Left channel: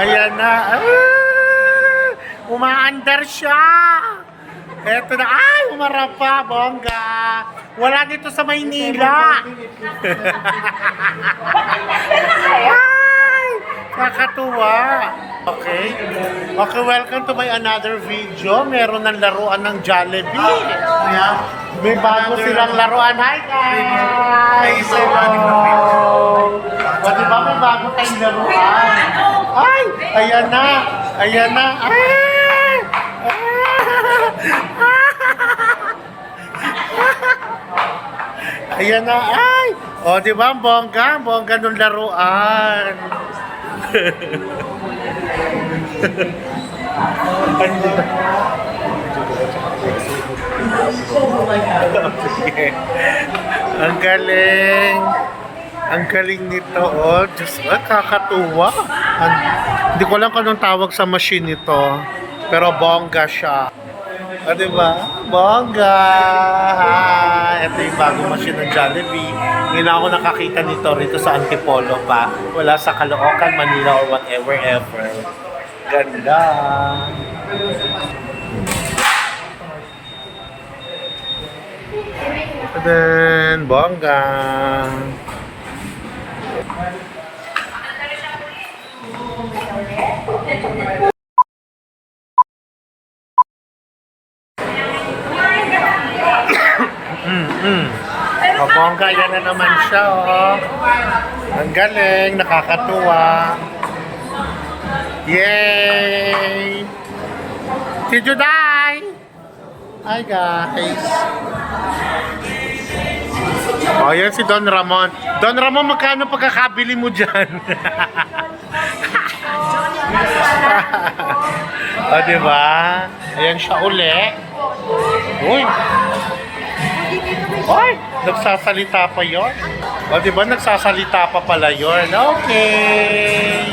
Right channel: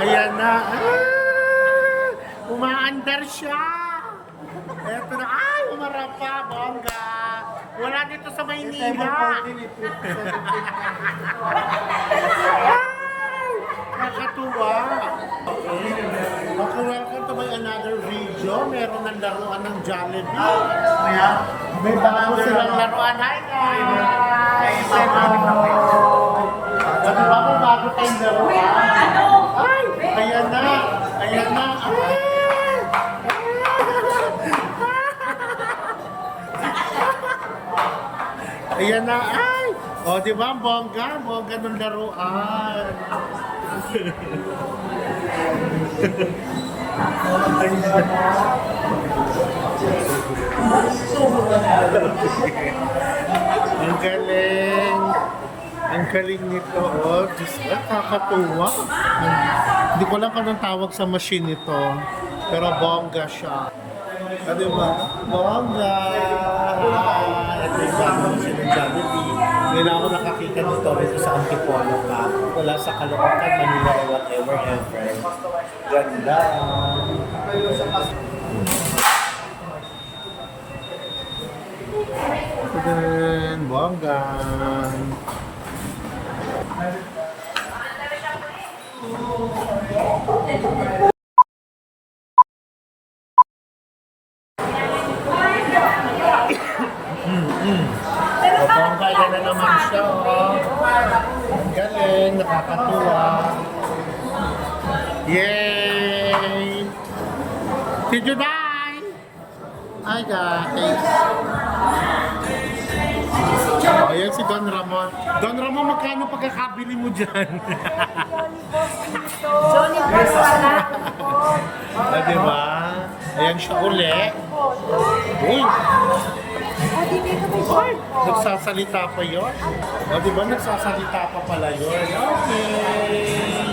Ayan na. Umaandar siya. Eto na. Ay, umarap pa. Bongga. Wala dito sa Maynila. Ay, nakakatuwa. Okay. Okay, welcome to my another video. Meron ng laruan ng Jollibee. May bago silang laruan. Hi, guys! So, di ba may bago tayong laruan? Ay, ayan na. Ayan na. Ay! Ayan na, ay! O, di ba, ang bongga? Bongga nung laruan. Ay, hindi na. Sige. Ang galing. Ang galing nito, oh. Diyos, kakatuwa. Hindi ko alam kung anong tawag sa machine nito. Pero bongga siya. O, diba? Bongga! Hi! Ito yung bagong machine ng Jollibee. Ngayon ako nakakita nito rito sa Antipolo pa. Wala sa Caloocan, Manila, or whatever ever. Ganda! And then, bongga! O, bongga, yan na naman siya, oh. Ang galing, nakakatuwa. Yay! Si Juday! Hi, guys! O, yan si Don Ramon. Don Ramon, magkano pagkakabili mo dyan? O, diba? Ayan siya uli. Uy! Ay, nagsasalita pa yon. O, diba nagsasalita pa pala yon? Okay.